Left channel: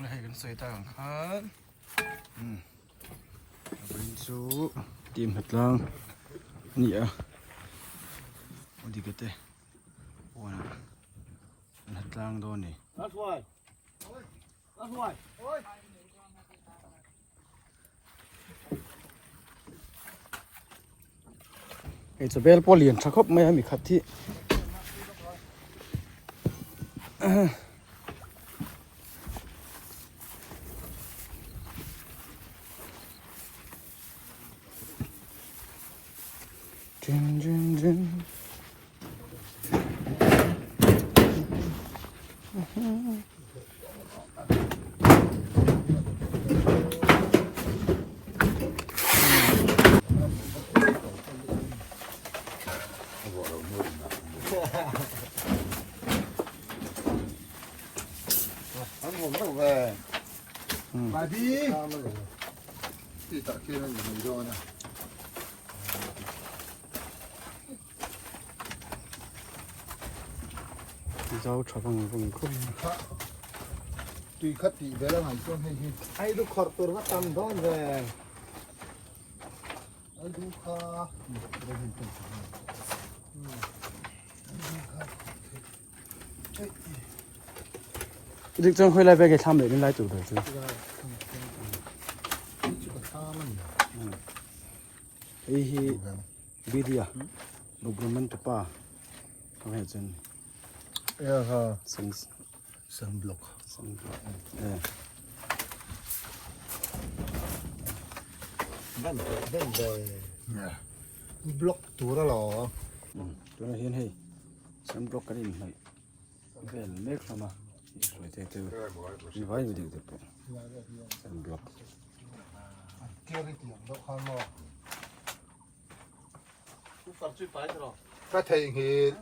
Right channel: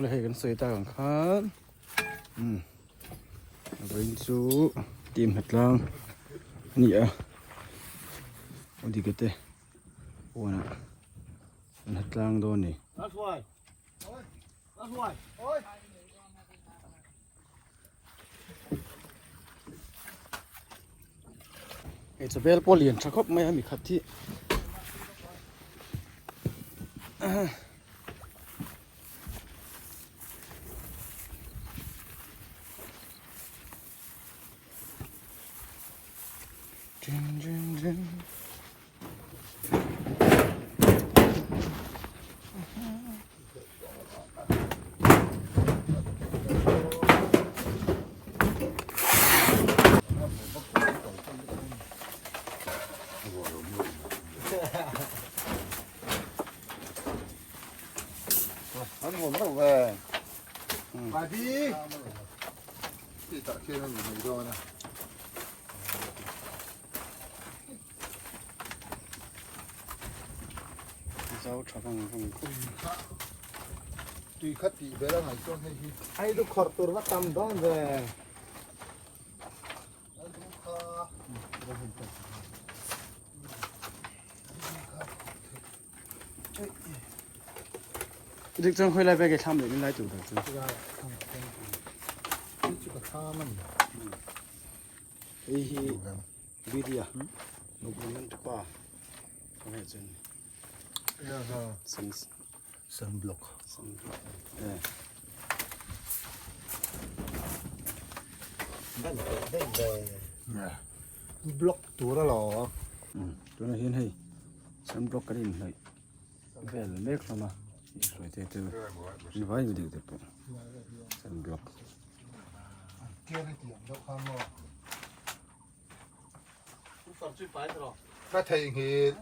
เลยให้กันสวยตาของครับไปดูทีมหัดล่างนี่อ่ะวันที่เกิดวันหัดล่างโดนนี่ไอ้จะเบลโปเลียนชักครบไม่มีขัดที่anh hồn đâu về bài đi thì tập kia nó gì rồi này dấu cho bằng vùng cốt tuy khất thì bé là ngày cho hay lúc khọt tôi bắt tâm thôi về được trong hơi lại về cái tham để lên lại chủ được chứ ý bây giờ đục mình chụp à không hay chân sunblock vẫn về blockตัวละหรอตัวนั้นเห็นให้sunblock cái này làเล็กขนาดitu ini baik dia dapat sunblock kia đi tìm đâu không mà cái thầy thì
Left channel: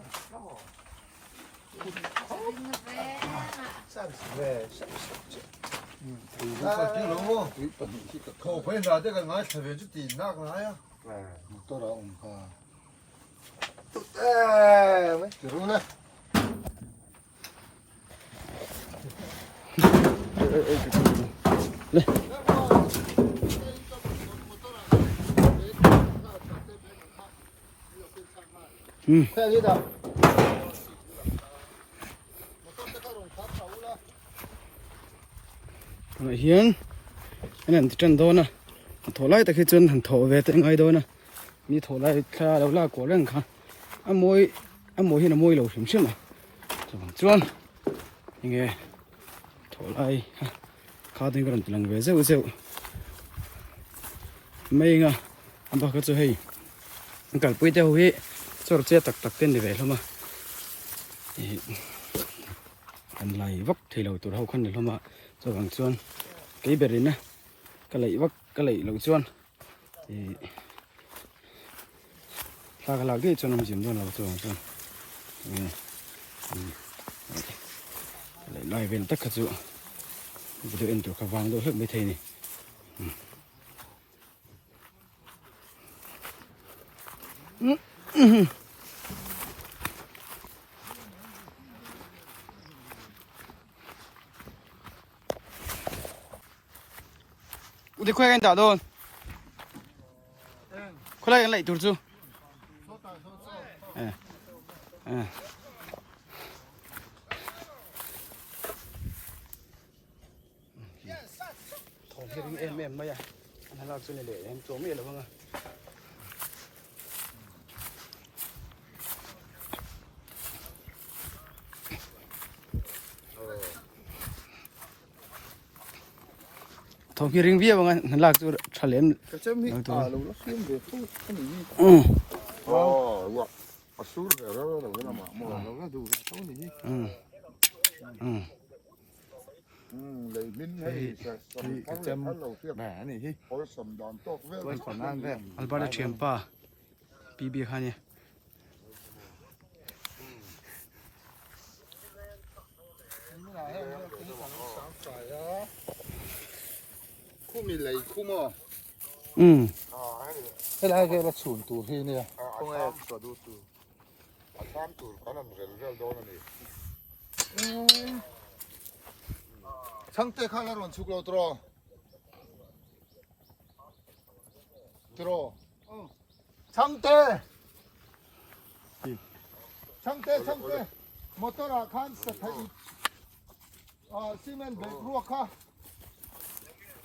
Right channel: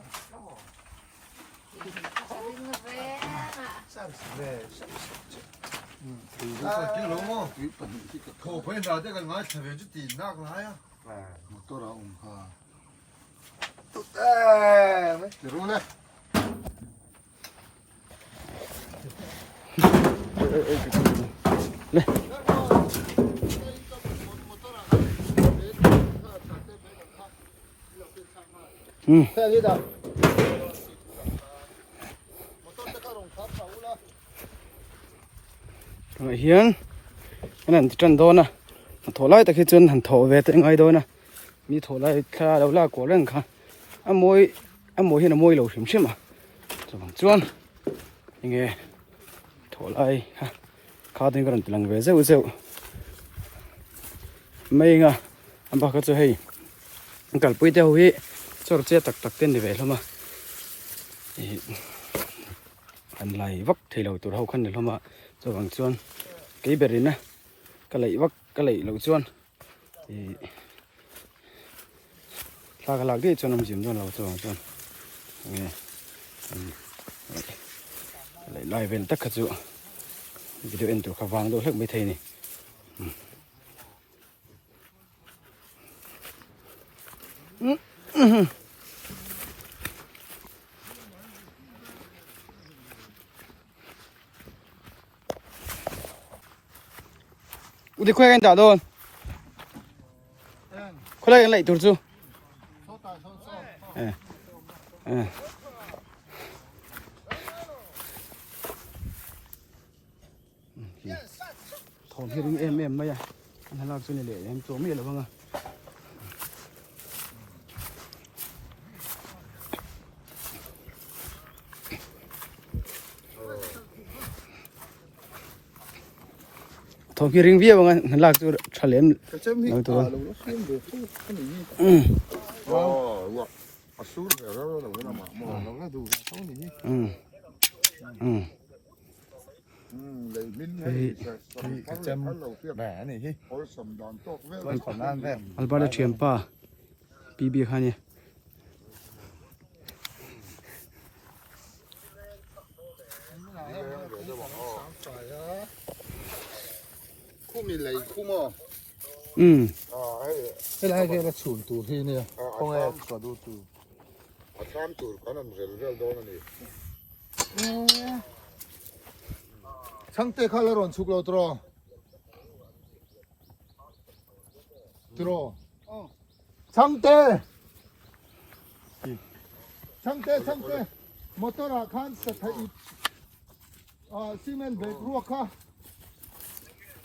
khổ phải giờ cái nói thầy về chút tiền nào cái nói á tôi đã ủng hộ mấy đúng đấy này thế đi đâu thằng hiền cái này chân đôi nè thổ lại tại khi chân hẳn thổ về tới ngay đôi nè mi thổ lại khá đâu là của rừng khá ăn môi hiện là môi lẩu xỉm xỉm mà thằng chuan nghe thổ lại khá tiếng cái lần về rêu rêu mấy ngà anh bác cái chỗ hay cả bữa theo hi cho nó che tắc tắc tên để về thôi mà anh lại vấp thì lâu tụi hậu khăn được không ạ rồi bằng chuan cái bể này cái lấy vấp cái lấy lâu chuan thì là cái cái cho nó chìm cho nó rồi bằng chuan lấy lại về tất cả chỗ video anh tụi khá vàng đôi hết mấy thầy này đi khoe anh đã luôn khoe lại lại tụt chưa thằng kia em bây giờ anh làm trên này để em trốn gì được không ạ thằng kia riêng vía bằng anh lạc tôi trả lên nói tôi cái châm bẻ này hi tôi còn ăn về Alberta Chiampa BB khá nhé khu mình lấy khu mò cái này thì là chuẩn tủ hi nè không em có đủ tủ tham chủ cái này rel rel đó này 상태 칼라론 죽어 들어. 들어. 상태. 상태. 모터라 칸스. 시멘 베크로카.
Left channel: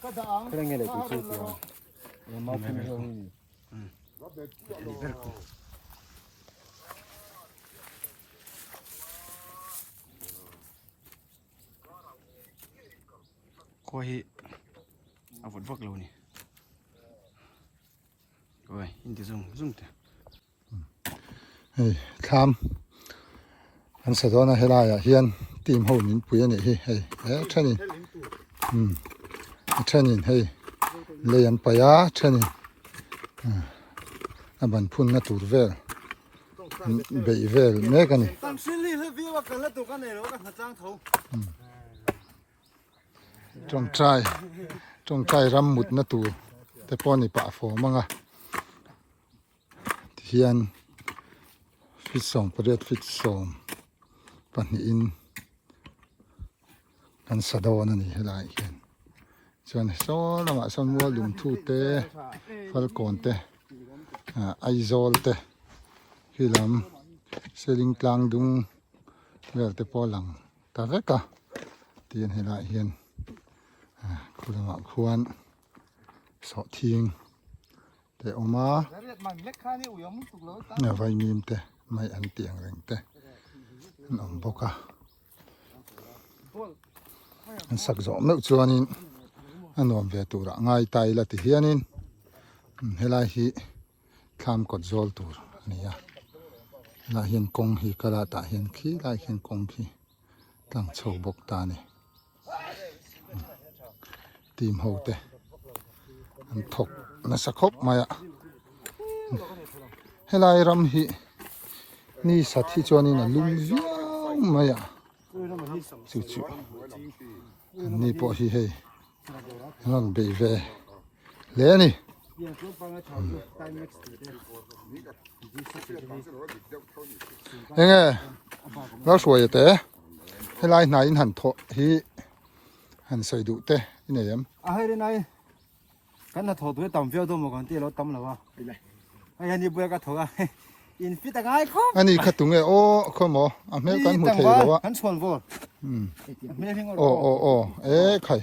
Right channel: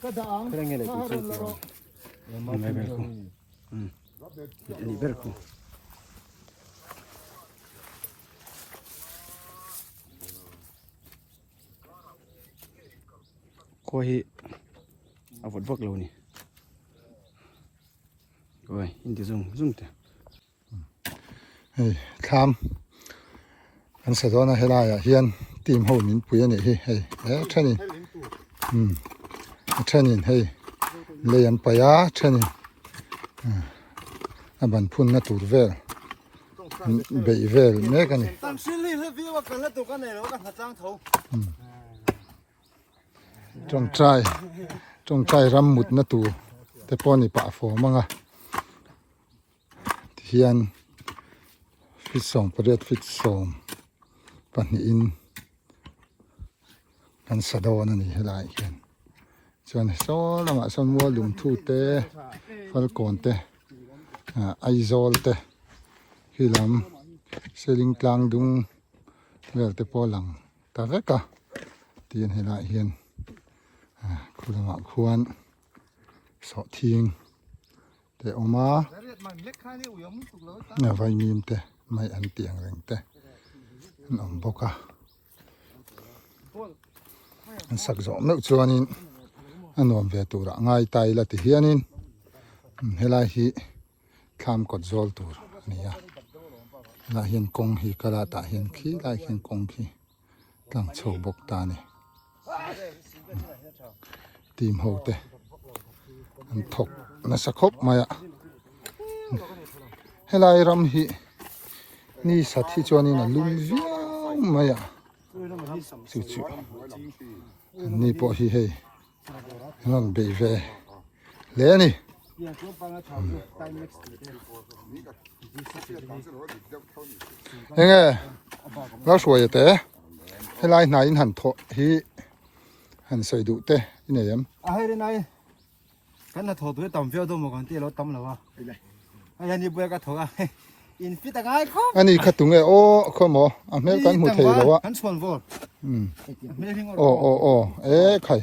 가당. 그런 게 내가 있어. 리베르코. 거의 아버지 박로니. rồi in dùng thế tham anh sẽ cho nó hay là hiền tìm hồn mình bùi này hay thế này thế này hay lấy anh phải á thế này anh bạn phun nó tụt về bị về mấy cái này trong trai ram mút nó tụtแต่พอนี่ปะฝอมั้งอ่ะเทียนฟิตส่งประเดี๋ยวฟิตส่งปันนี้อินกันสะดอนั่นนี่ให้หลายเห็นส่วนโซ่ละมาส่วนวัวลุมทูเตะฟัลโกนเตะไอโซลเตะคือลำเซลิงกลางดุงเวลเตะพอหลังตาเวกะเตียนให้หลายเห็นคุณละมาควรสอทิ้งแต่ออกมาเนี่ยไฟมีมแต่ไม่อันเตียงแรงแต่น้ำบกะสักสองเมื่อชวนินอันนวมเวตุระง่ายตายละที่เฮียนินเฮลาฮีข้ามกดโซลตัวนี่ยลาเห็นกงฮีกระตาเห็นขี้ลาเห็นกงฮีตั้งโชว์บกตาเนี่ยทีมโฮเตอันถกนัสคบมาอะเฮลายรำฮีนี่สัตว์ที่จวนี่นะลุงซูมาอะจู่ๆนี่พอฮีเฮนั่นเบยเวเลนี่ยังไงเราสวยแต่เฮลายนายหันถกฮีหันใส่ดุเตนี่เนี่ยให้ได้ไหนกันน่ะถอดด้วยต่ำเฟี้ยวตัวหมดกันที่เราต่ำแล้ววะไอ้ยันนี่เบื่อก็ถอดอ่ะอินฟิตง่ายครับอันนี้ขัดตุงโอ้ข้อหมออเมริกันหมดเลยแล้ววะหันชวนวัวโอ้ไข่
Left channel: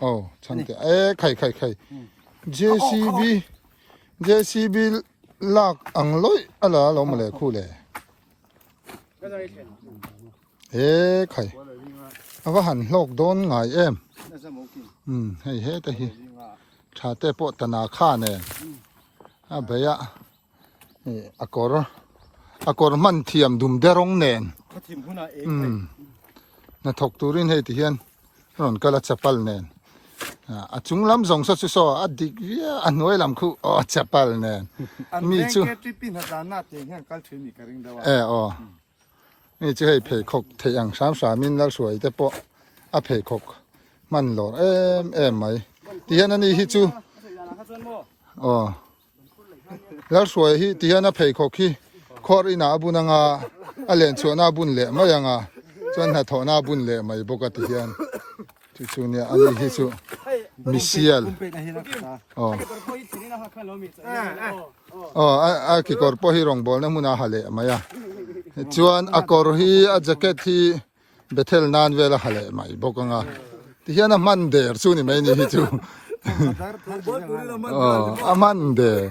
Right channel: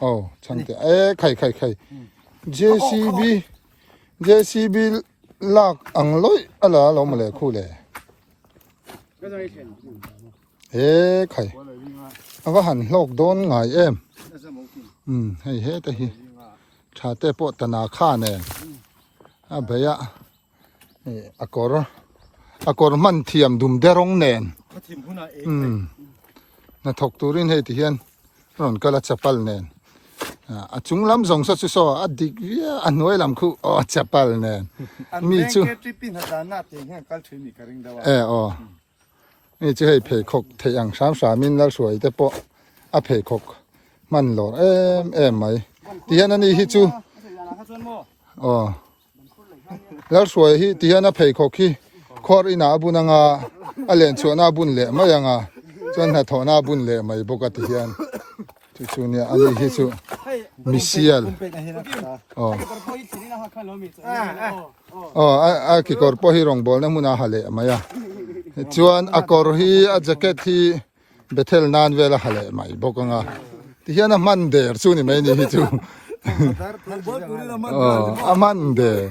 โอ้ช่างแต่ไข่ JCB ลากอังลอยอะไรเรามาเลยคู่เลยไข่เอาก็หันโลกโดนไงให้เฮ้แต่ฮีชาเตปตนาข้าเนี่ยเบียอากอร์มันเทียมดุมเดรงเนนน่ะถกตูรินให้ที่เห็นนนก็ละจับปัลเนนจุงลำสองสัตว์โซ่อดีกอันน้อยลำคู่จับปัลเนนมีจูนี่จะให้เพคกเทียง3มิลแล้วสวยแต่ปะเพคกมันหล่อไหมที่นั่นนี่ฮิจูแล้วสวยฮิที่นั่นเพคกฮิคอรีนาบุนังอาเลียนชวนาบุญเละไม่ยังจนหัดถอนาบุญเละไม่ปกติที่นั่นจู่ๆเนี่ยอันนี้ฮิจูมิเชียลกี่กอร์ปฮิรองบอลนั่นมุนาฮาเละไม่ยังจวนอากอร์ฮิอาแจ็คเก็ตฮิเบเทลนานเวลาฮาเละไม่ปกติที่นั่นมันเดอร์ซูนี่ไม่นี่ฮิจูมันเดอร์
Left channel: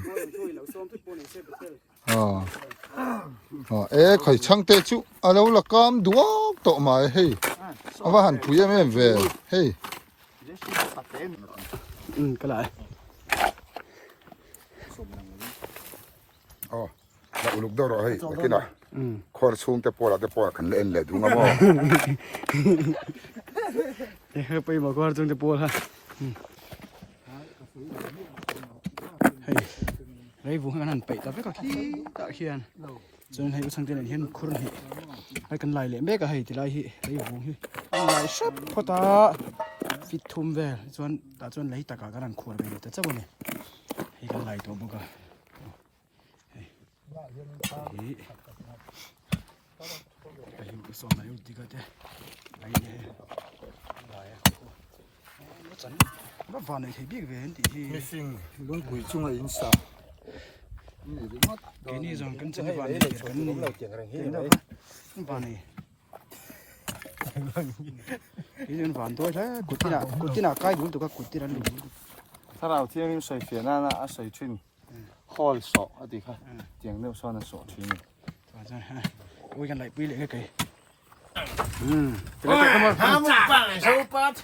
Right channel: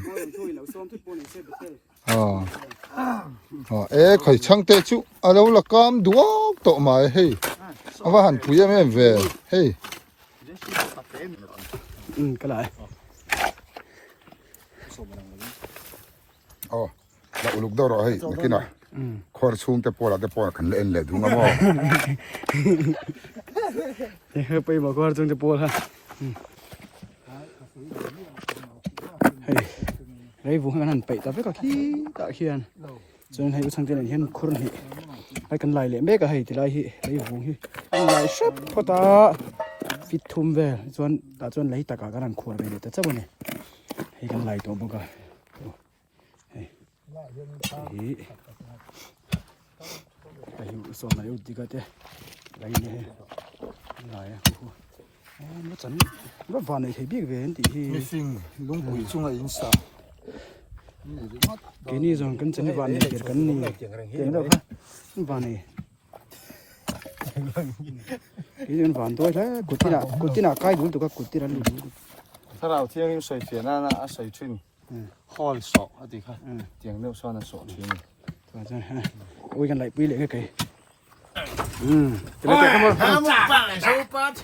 ข่อยช่างเตจูอะไรวะละกามดวงโตมาเฮ้ยเอาว่าหันปุ๋ยไม่เวรเฮ้ยก็ได้เราลูกดอร์เฮ้ยกินหน่อยคนสูงแต่ปวดขันเล่นเลยดูมั้ยไปบอกว่าจงจะปวดฮะไอ้บุ้งนั่นไปแต่ไม่ก็ขี้ตะเคียนจนให้สังเกตเห็นคนนี่ให้กันไล่เลยไม่ก็ให้ที่ไล่ไล่บุ้งไล่ซับพอตาฟิตทุ่มเวรจนไล่ตะกากันนั่นขวดไปเลยแต่เจ้าเนี่ยให้กันไล่ตัวบุกเฮ้ยไปอยู่ส่วนไหนอุติกาเตไล่เนี่ย จันรถวันไหนใช้บิ๊กเวนที่ มีฟิงลุงปุ๋ยจุงไอ้อินสา กินนี่ส่วนกันจันวันไหนเกิดกันนี่เก่งแล้วครับวันไหนกินวันตัวแล้วกุฏิน่ะใกล้อยู่ตัวก็กุฏินั่นอยู่ ถ้าเราเที่ยงใส่เสียหน้านะใส่ชุนข้อสอบดีค่ะเตียงเลือกซ้อนสอบเที่ยง ใช่ฮะคุยกันหลายปีเลยก็เคยแต่ละแต่ก็มา 他们放的手把菜，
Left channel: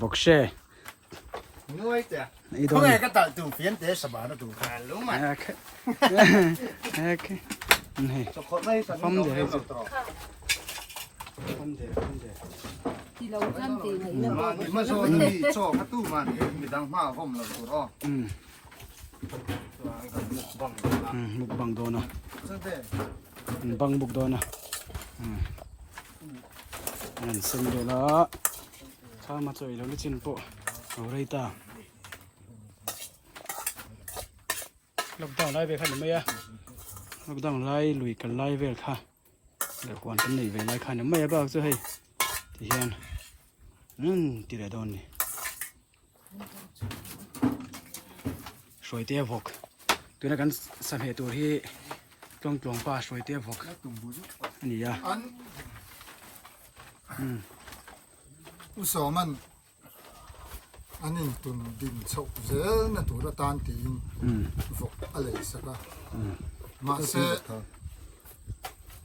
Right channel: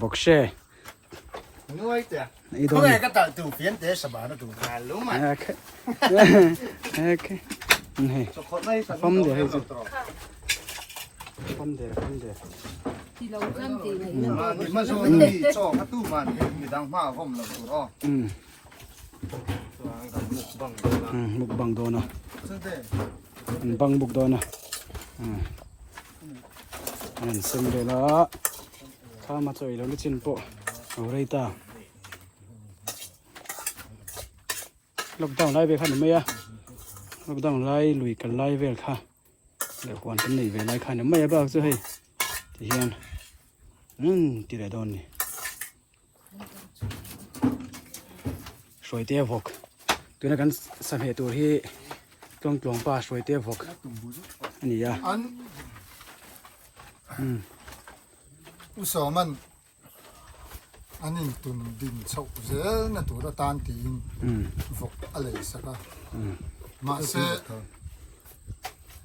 บอกเช่我的， อีตัว 我 นี้ 那个当都变得什么了都看了嘛， โอเคโอเคนี่ 就可能 ฟัมเดี๋ยวให้จุดฟัมเดี๋ยว 你们说你做他都嘛，你当嘛我们了都哦，บุกบังโดนนะ 真的， บังบุกโดนนะนั่นเส้นเดียวละข้ามาเจอแล้วนี่จินโปเอาไรตาลูกต้องไล่ไปขันไหมอะลูกต้องไล่ลุยกันไล่เวลค่ะเดี๋ยวก่อนกันหนีไปไล่ขันไม่บ้าจะให้ที่เฮียนตีเรดอนนี่สวยเตี้ยพกตัวนั้นกันสมัยตัวที่ต้องกลงป่าสวยเตี้ยพกอันนี้ยาอันอุตสาหมันอันนี้ตุนดินโฉบเจอนะตัวละตานตีนฟกอะไรสักมาเส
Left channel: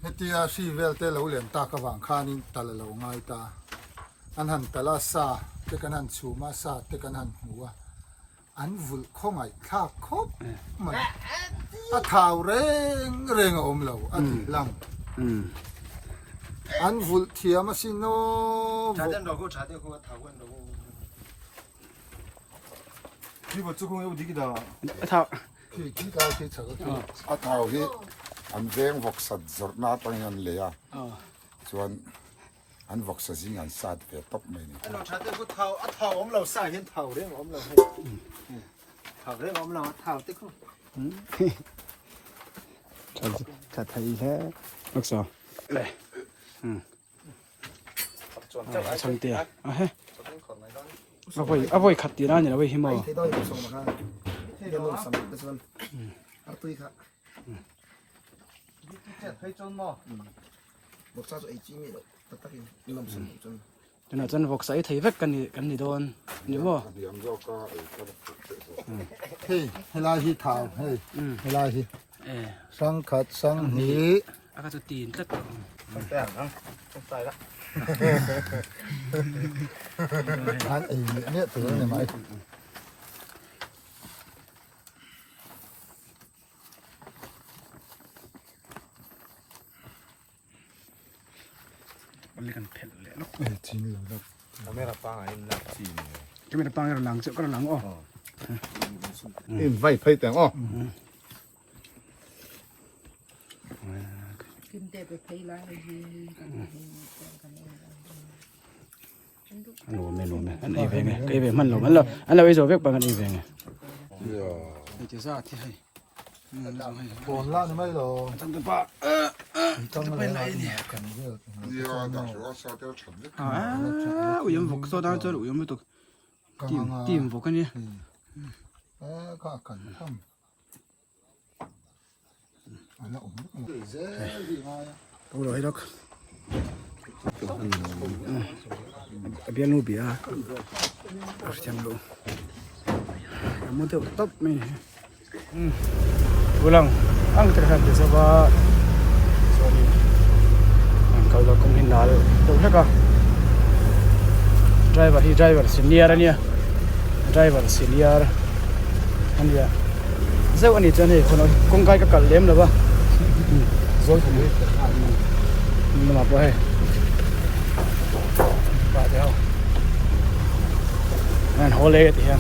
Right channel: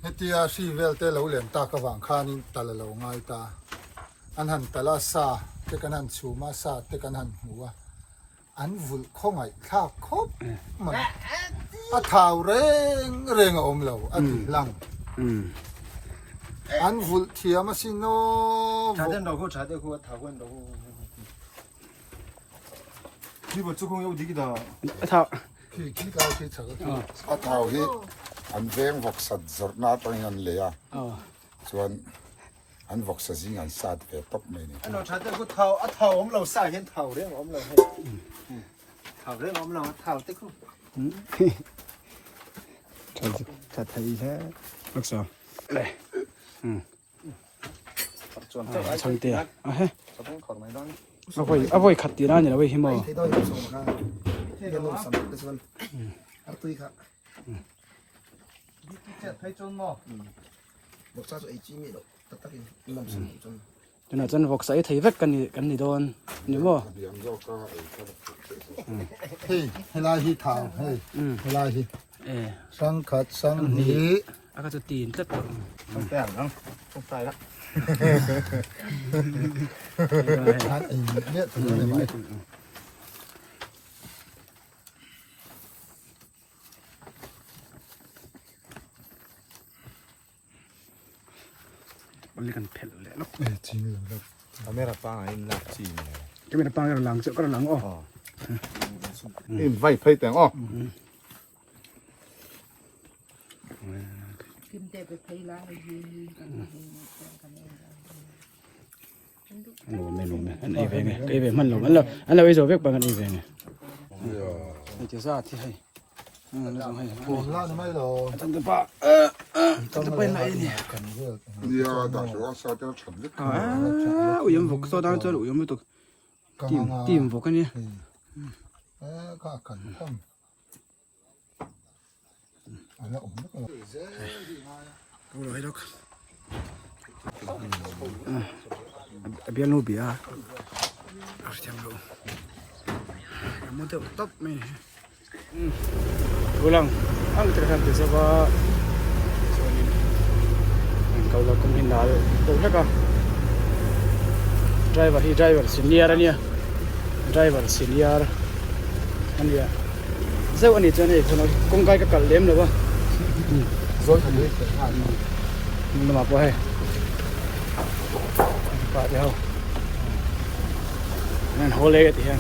เอติอาชีเวลเตลเหลี่ยมตากระหว่างข้านิตาละเหลาง่ายตาอันหันตาลาซาเตกันหันสูมาซาเตกันหันหัวอันวุ่นข้องไอ้ข้าคบมันอัฐาวเร่งอมเหลาอันหลังอันวุ่นเทียมาสิโน 查点货，他问到我，你把做工有地的， ท่า ที่คิดเอาที่สักที อาเท่าที่อันเวงวกสัตว์จดนาตรงนั้นเลยอ่ะส่วนอันวกสัตว์สิ่งอันสัตว์เวทบไม่เนี่ย 我查点货头我们老三先头的，我们老头的我们老头的个，จัดไทยซะลูกสาวช่างเตี้ยเฮ้ยเอาไว้ขัดตีน่าเนี่ยเอาไว้หิมะ 给到有手嘛看，那个弄什么个是，对看，这太准嘛，我啥时候几米了，他那个弄什么准。 จนอาจารย์บอกใส่ไทยเวกกันนี่โดนนี่มั้ง เดี๋ยวเราก็ เฮ้ยเวลาที่เท้าเฮ้ยเวลาที่สังขัดสังหนี อาก็จะตีนสัก 对啊，对了。 อันนี้ถือได้ไหม มันเลยกันเผ็ดเลยลูก จริงเหรอครับ ไม่รับตังค์ให้นักจีนเนี่ย จะไม่ได้ปังกันหลังเจ้าก็หลังอ๋อ ไฟไฟแต่งอ๋อ อันนู้นไม่รู้นะอันนี้เป็นไงก็เป็นมันหรอมันแล้วอันเราไปดูเวกปังอันนี้เป็นไงนี่จะซาที่ให้ โบราณไม่หรอ ตั้งแต่ป่ะตั้งแต่ไปไหนเนี่ย เดี๋ยวดักว่าสาวจะทำได้ อุ้ยมันบุกโซดาจนอุ้ยมันตกตีมบุกกันเนี่ย ข้ากันทำอันนี้ผมก็ ตัวเราให้ดอกเบียร์นูเบียร์อาจารย์ลูมันจะตบไหมpulang ang terhadap desa ba soalnya kalau kau hindal tu siapa driver senior ni driver senior kan dia saya ni tu ni kalau kung kai kakal lem lah ba ni apa he ba dia kan hole dia